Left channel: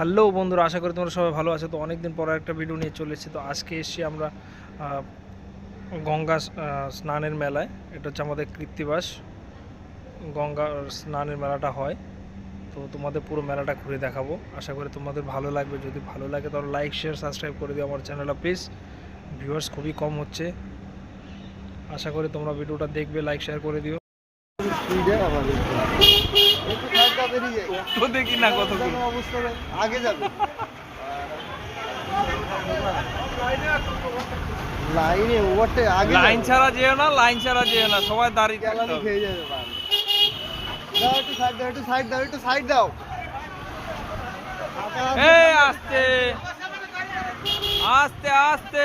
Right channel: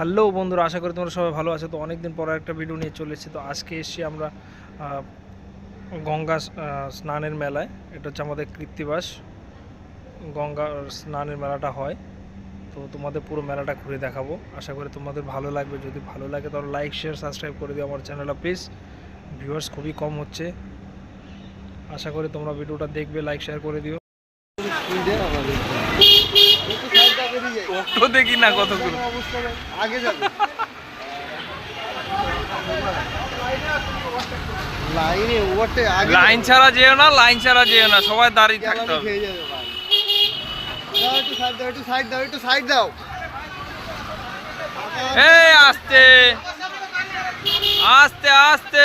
Hello বন্ধুরা, আশা করি তোমরা সবাই ভালো আছো। তো অনেকদিন পর একটা ভিডিও নিয়ে চলে এসেছি। তো আজকে এসেছি আমরা গঙ্গা স্নানের মেলায়। এটা হচ্ছে আমাদের কৃত্তিবাস গঙ্গা স্নানের মেলাটা হয়। তো তোমাদের পুরো মেলাটা ঘুরে দেখাবো। আশা করি তোমাদের ভালো লাগবে। যদি ভালো লাগে তাহলে লাইক শেয়ার সাবস্ক্রাইব করে দিও আমার চ্যানেলটা প্লিজ। ভিউয়ার্স খুবই কম হচ্ছে। আশা করি তোমরা ভিডিওটা দেখবে, লাইক শেয়ার করে দিও। দেখি না কতগুলো আগে যাবে লাইনে ওভারটে আগে লাইন ছাড়া যেও না, লাইন ছাড়া যেও না, সবাই দাঁড়িয়ে থাকতে হবে। খেয়ে যাবে দাও, একটু সাইড দাও, একটু সাইড দাও, একটু সাইড দাও। এই আস্তে আস্তে আস্তে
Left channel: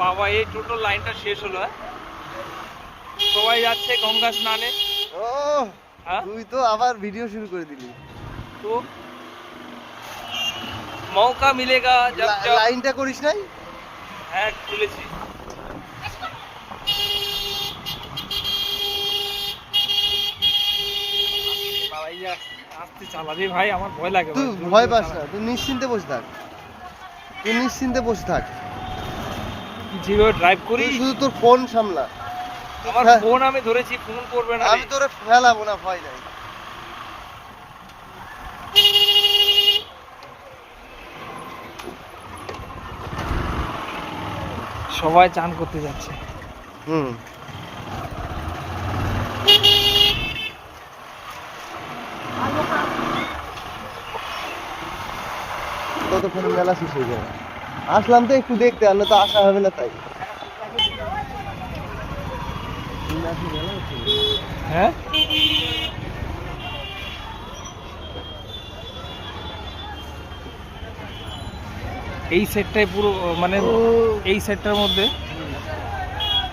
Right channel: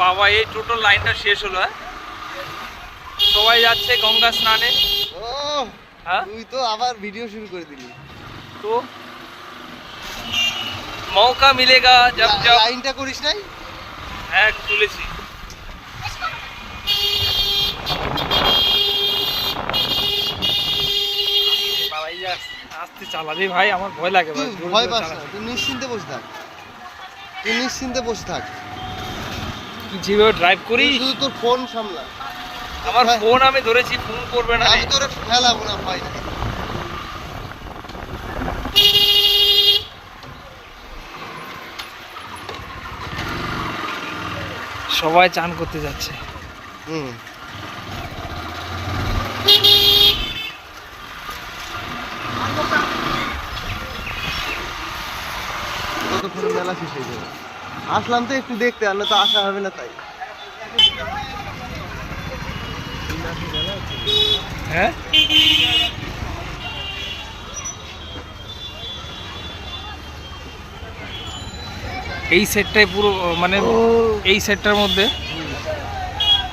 বাবা, এই টোটাল লাইনটা শেষ হলো। সবাই যাচ্ছে গঙ্গা স্নানে। ও তুই তো আবার ভিডিও শুরু করে দিলি। তো মৌকা মিলেগা জব জব। লাইনটা করিস নাই? হ্যাঁ, তুলেছি। আস্তে চালাবি ভাই, আমার ভয় লাগে। তুই ভয় পাস না, তুই নিশ্চিন্তে বসে থাক, তুই নিশ্চিন্তে বসে থাক। যেভাবে ড্রাইভ করি শুধু তোর ফোন সামলা। আমার ফোন আমি ধরেছি, ফোন করবে না। আমি তোরে ফেলাবো না ভাই। সবাই চান করতে যাচ্ছে। ততক্ষণ মেলা শেষ হয়ে যাবে। আসলাম তো একটু দেখতে, আর তো আসা হবে না তাই। হ্যাঁ, এই সেটটাই পুরো মানে এই সেটটার মধ্যে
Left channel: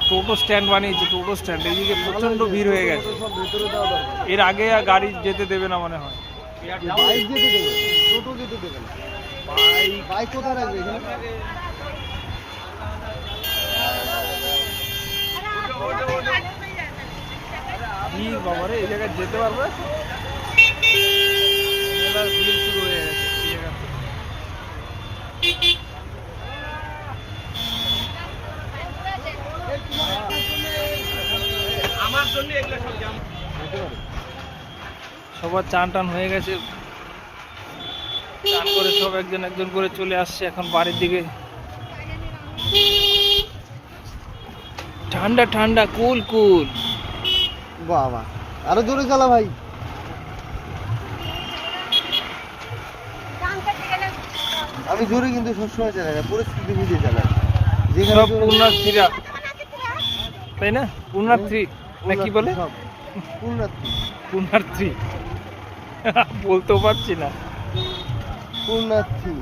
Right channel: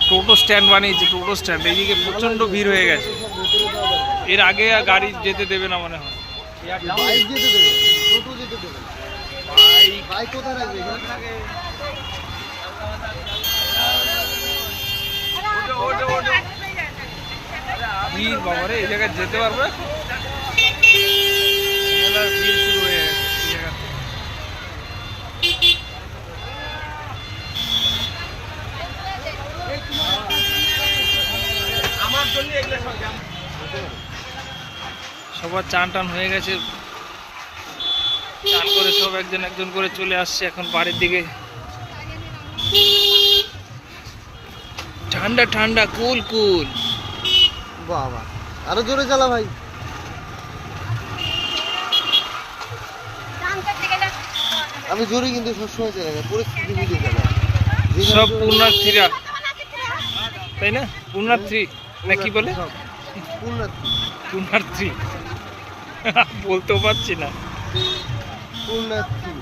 টোটো স্ট্যান্ড বানিয়েছে। টোটো স্ট্যান্ড এইদিকে প্রচন্ড ভিড় হয়ে গেছে। এর আগে আর গাড়ি যেতে দেবে না মনে হয়। বাইক যেতে দেবে, টোটো যেতে দেবে না। বাইক কোথায় রাখবে? ভিড় বাবারে, এই জায়গায় যেতে পারবে? মেলার ভিড় শুরু হয়ে গেছে এই জায়গাতে। সবার চান টান হয়ে গেছে। চান করে সব একজন একজন করে চলে আসছে এখন বাড়ির দিকে। ঠান্ডা ঠান্ডা, কুল কুল। বাবা, আরো জোরে চালা ভাই। আমি জোরে কিন্তু সবসময় চালাই না, পরিস্থিতি বুঝে চালাই। সব পুণ্যার্থীরা, তাই না? পুণ্যার্থী না কি বলে? পুণ্যার্থী বলতেও পারছি না। পুণ্যার্থী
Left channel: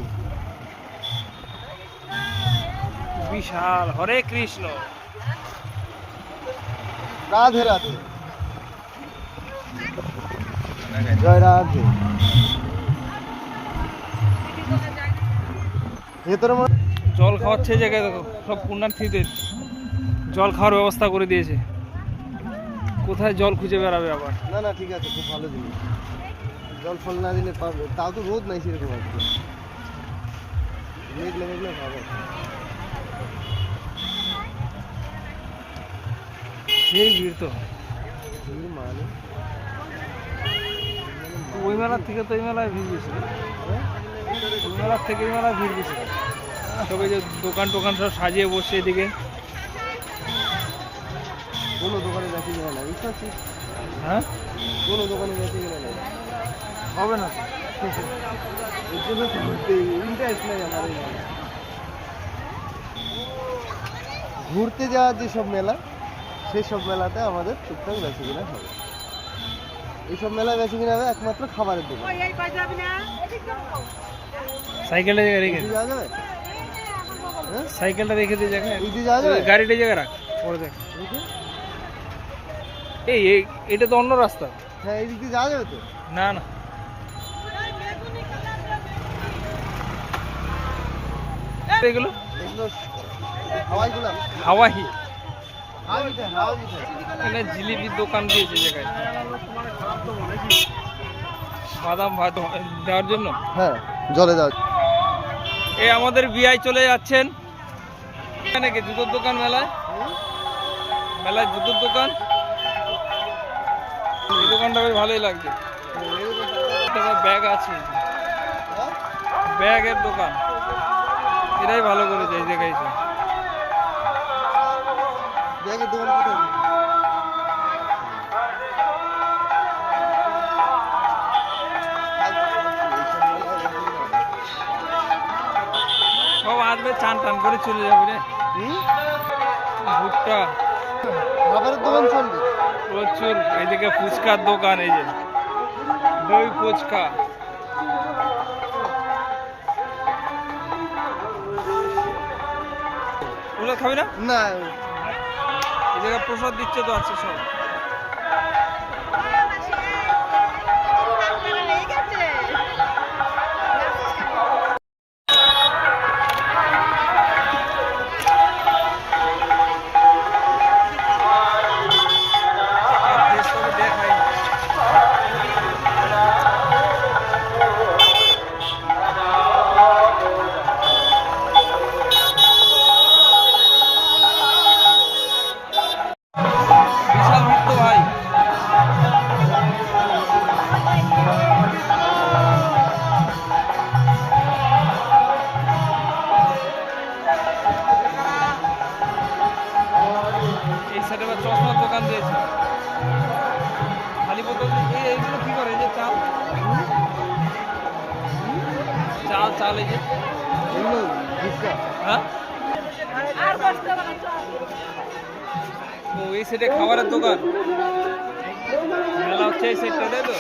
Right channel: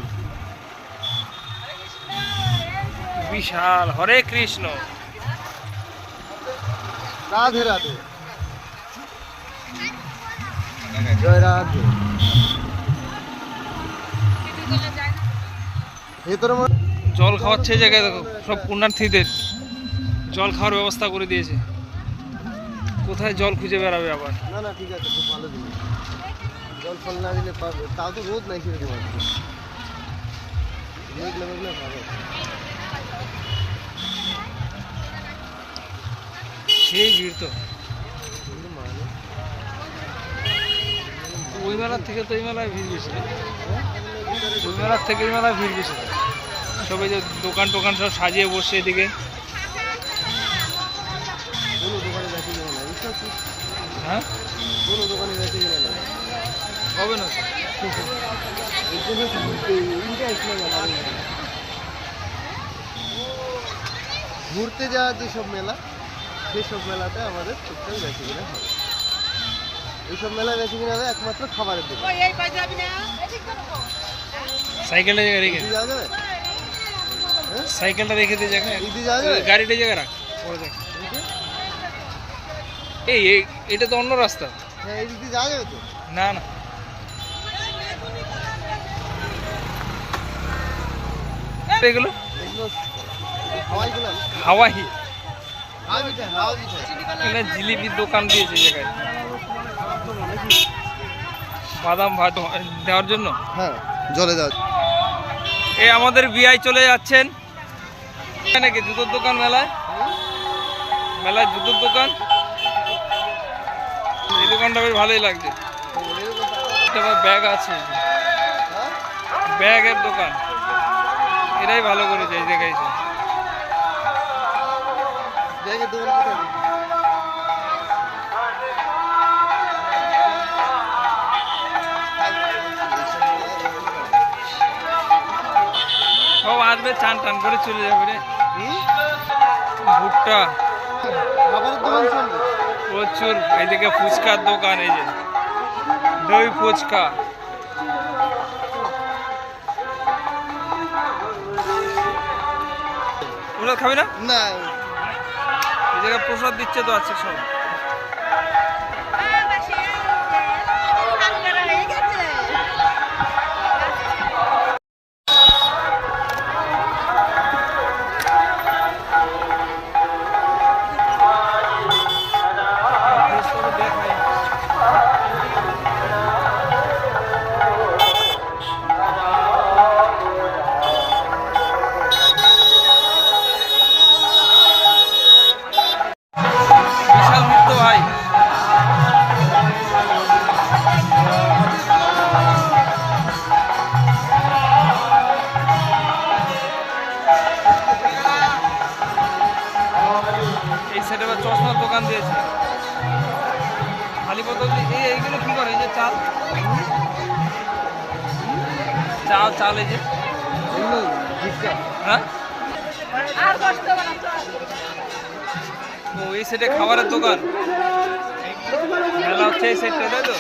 বিশাল। হরে কৃষ্ণ, রাধে রাধে, জয় রাধে। ভেতরে জল খাওয়াচ্ছে এই জায়গায়। দেখো, সব পুণ্যার্থীদের জল খাওয়ার ব্যবস্থা করে দিয়েছে। কোথায় জল খুঁজে বেড়াবে আবার? না না, ঠিক আছে, খুব ভালো জিনিস। জল ফল না দিলে পারবে, তাও তো রোদ নাই সেরকম আর কি। মেঘলা মেঘলা ভালো। সেই ভিড় তো। ওই মেলার থেকে তো এই মেলায় ভিড় বেশি। ওই মেলার থেকে এই মেলায় ভিড় বেশি। সবাই যে দোকান টোকান সব সাজিয়ে বসছে এদিকে। কোনো দোকানে বেঁচে যায় না, বুঝতে পারছিস? হ্যাঁ, কোনো দোকানে বেঁচে যায় না, হবে না। এর জন্য ইন্টারেস্ট নেই আমার। ঘুরতে যাওয়া যেসব মেলা, সেসব মেলাতে আমাদের টুকটাক বেঁচে কিনা হবে। এইসব মেলায় বেঁচে কিনা হবে একমাত্র খাবারের দোকান। সাইকেলটা জায়গা রেখে, যাওয়া যাবে? সাইকেলটা রেখে দিয়ে জায়গা, যাওয়া যাবে? গাড়িটা জায়গা রাখ, পরে দেখ। এই এটা তো অন্য রাস্তা। হ্যাঁ, এই দিক দিয়ে যাওয়া যাবে তো? না না, এগুলো হাওয়াই। এখানে জিলিপির দোকান দিয়েছে জায়গায়। বাদাম ভাত দেওয়ার জন্য। হ্যাঁ, জলে দাও। এই আমাদের বিআই চলে যাচ্ছেন নাকি জুতোর দোকান মেলায় জুতোর দোকান। এই দোকানটা বেশ ভালোই লাগছে। ব্যাগ আছে, ব্যাগের দোকান, এটাই ভালো করেছে। এই দেখাইছে ব্যাগের দোকান কোথায়? সব আসবে, চান টান করে চলে যাবে রে। ভুট্টা খাবারের দোকান চলবে প্রচুর। এইদিকে ফুচকার দোকান, এই যে দই ফুচকা। প্রসাদ খাবি না? না। এই জায়গায় প্রসাদ দিচ্ছে তো। আছে সব। বিশাল মুক্ত ভাই। এই সাইডে আবার চশমার দোকান দিয়েছে। খালি বোতল এইগুলো কি করে? এই যে চাল চাল চাল এই যে এগুলো ভিক্ষা। হ্যাঁ, ও এই সাইডে খাবারের দোকান। মেলা হচ্ছে এই সাইডটা, তাই তো?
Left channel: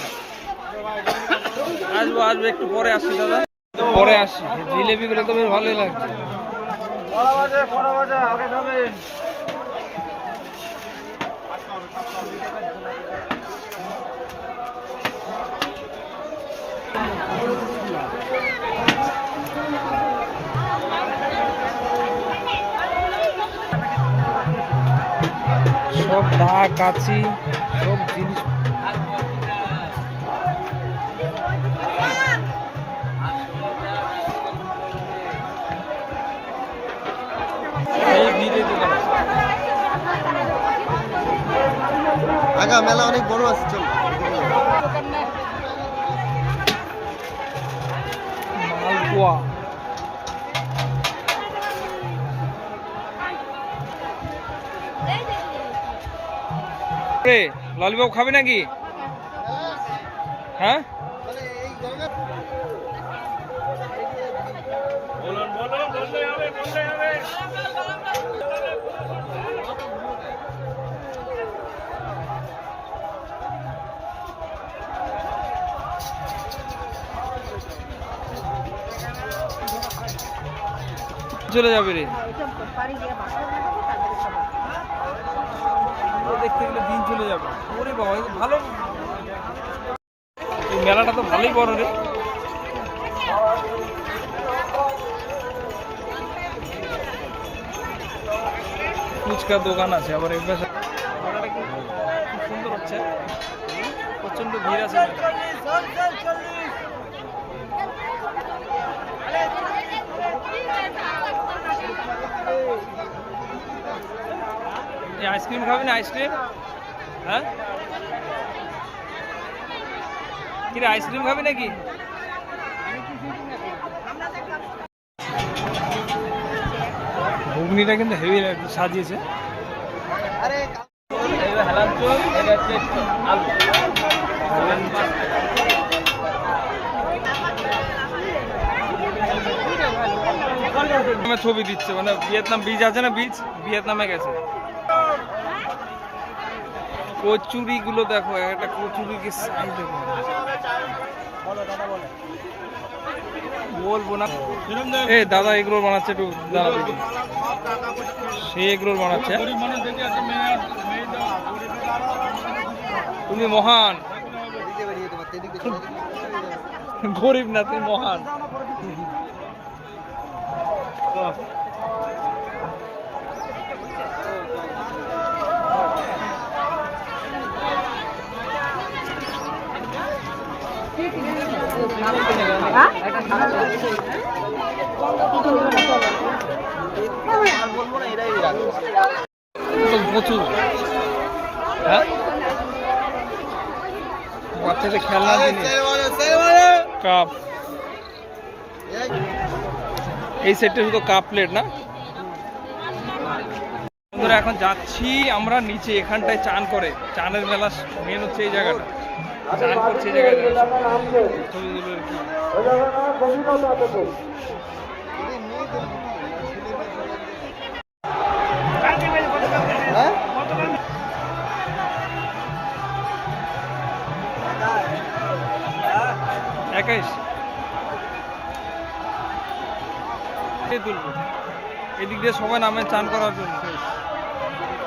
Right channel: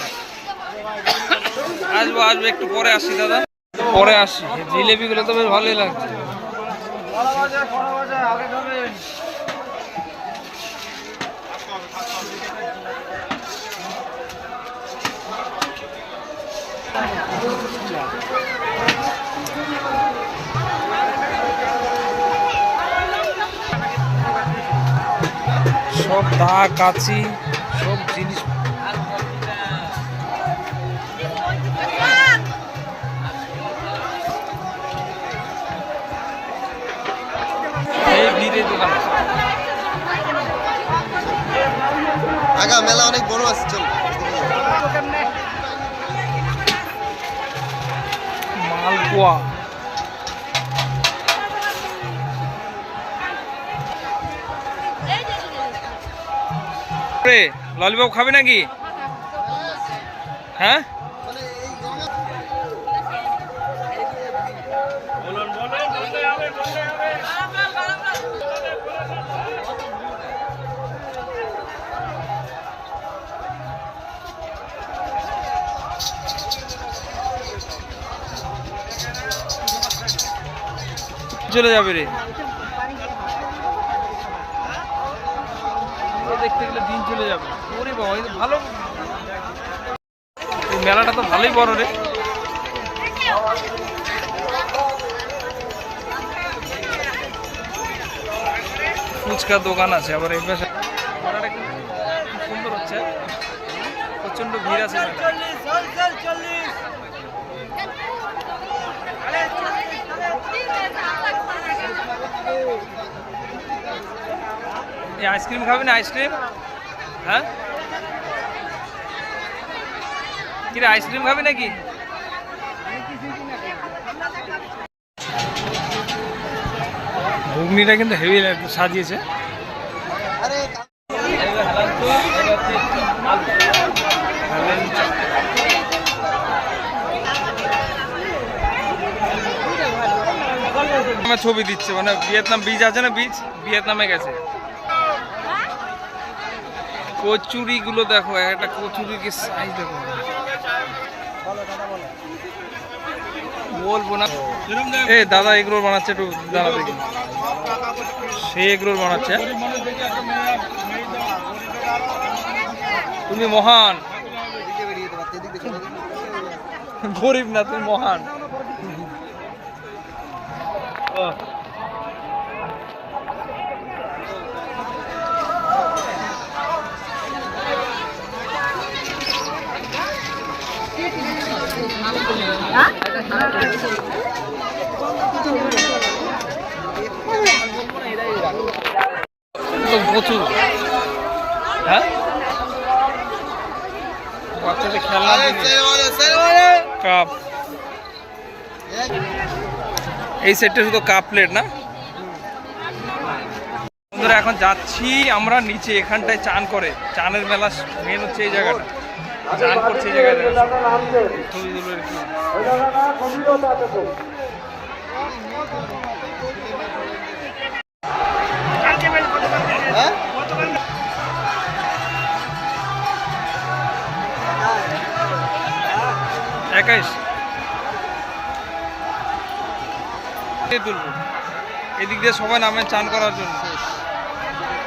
আসবো আসবো, একটু পরে আসি দাদা, পরে আসি। জিলেবিগুলো তো বেশ ভালোই লাগছে। সব দা কাচি সব জিনিস। এই ভিড়ে দোকান। আগা মেলা অনেক বড় আছে, চল। মালপোয়া, ললিপপ খাবে নাকি? হ্যাঁ, চলে যাবে রে। দেখতে গেলে দিন চলে যাবে। ওরে বাবা, এই তো ভালো, এই মেলাটা তো ভালোই বড় রে। ফুচকার দোকান আছে আবার এই পাশে। মেলাটা খুব সুন্দর হচ্ছে, প্রচন্ড ভিড় আছে মেলায়। এই আইসক্রিম খাবি না? আইসক্রিম, হ্যাঁ কিরে আইসক্রিম খাবি নাকি? ঘুগনিটা কিন্তু হেভি সাজিয়েছে। ছবি দিচ্ছে, মানে ভিয়েতনাম বীজ আছে না, বীজ ভিয়েতনামে গেছে। কচুরি গুলো দেখো, একটা কচুরি কি সাইজ দেখো। বলবো না। এ দাদা এগরোল বানাচ্ছে, একটু দাদা দেখি। সে এগরোল বানাচ্ছে। তুমি মহান, গরিব না, তুমি মহান। তো প্রচুর, হ্যাঁ বাচ্চাদের খেলনা কাপ, এই সেটটা শুধু কাপ প্লেট না। বন্ধুরা এখন যাচ্ছি আমরা নিচে, এখানটায় চান করে, চানের মেলা মেন হচ্ছে এই জায়গাটা, চান করছে এই জায়গায় ছবি তুলে আর কি। হ্যাঁ 21 তুলবো, এদিক দিয়ে সবাই নামে চান করার জন্য।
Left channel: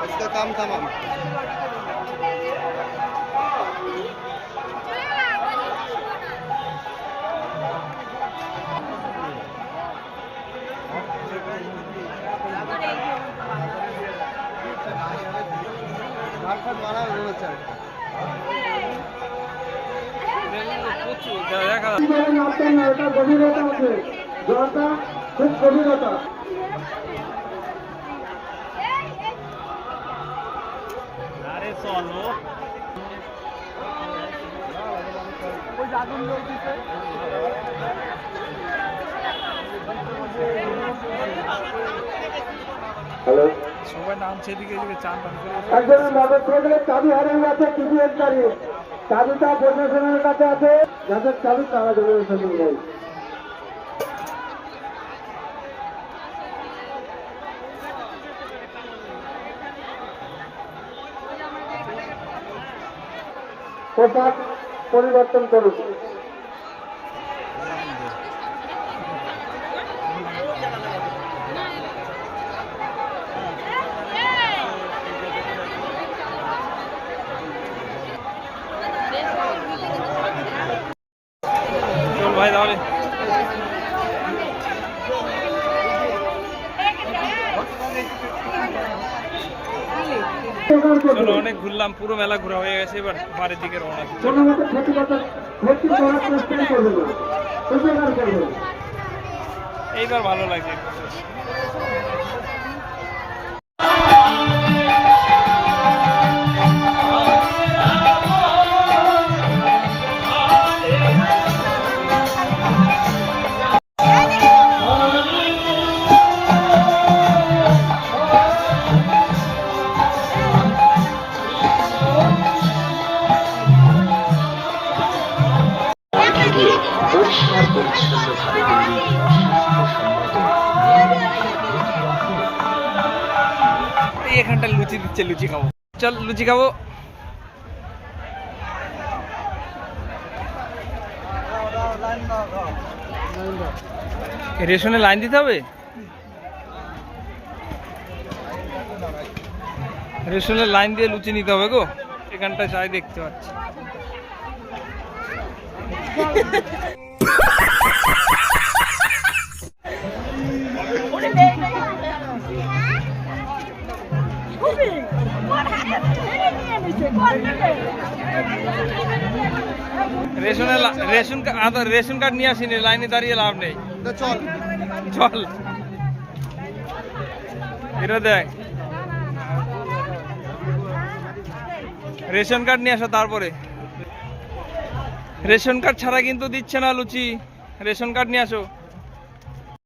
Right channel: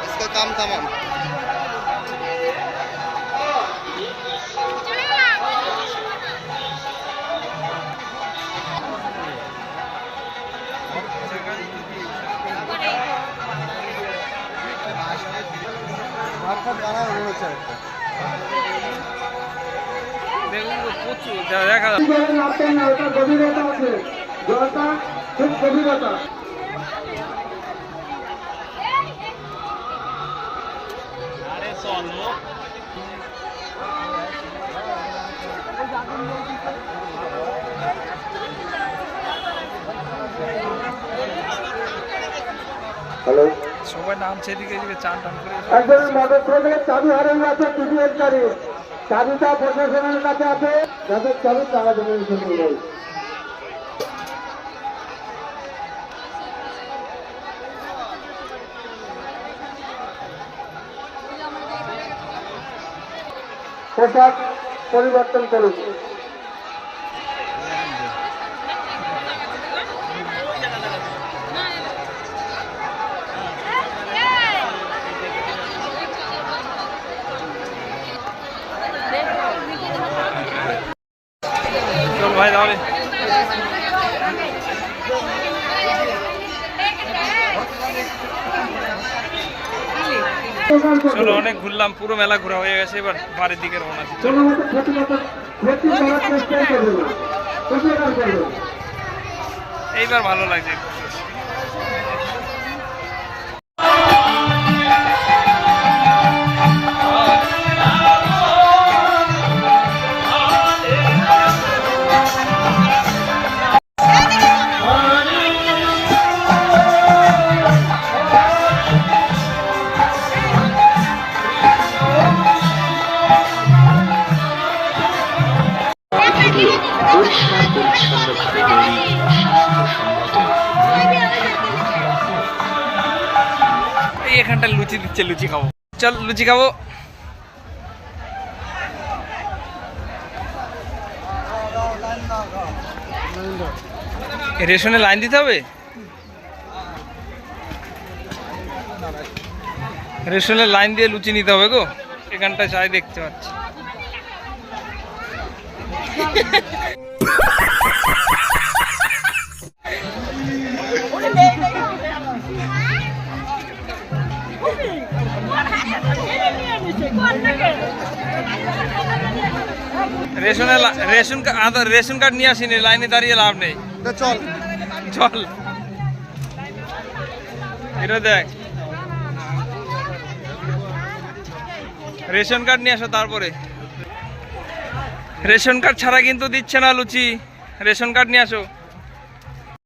इसका काम तमाम। দেখা সবাই নামছে এদিকে, এদিকে চান টান করে। একজনের মোটরসাইকেলের চাবি হারিয়ে গেছে, টিভিএস গাড়ি চাবিটা প্রশাসনের কাছে আছে, যাদের চাবি তারা দেবেন নেই। পোশাক পরিবর্তন করুন। চল ভাই তাহলে, চলো অনেক ঘুরলাম, পুরো মেলা ঘোরা হয়ে গেছে, এবার বাড়ির দিকে রওনা দিই। চলো। এইবার ভালো লাগছে। এই এখানটা লুচি দিচ্ছে, লুচি খাবো, চল লুচি খাবো। রেশনে লাইন দিতে হবে, রেশনে লাইন দিয়ে লুচি নিতে হবে গো, এখানটায় চাই দেখতে পাচ্ছি। রেশন কার্ড নিয়ে আসিনি, লাইনে দাঁড়িয়ে লাভ নেই, চল চল। এটা দেখ, রেশন কার্ড নিয়ে আসো, তারপরে রেশন কার্ড ছাড়া কিন্তু দিচ্ছে না লুচি, রেশন কার্ড নিয়ে আসো।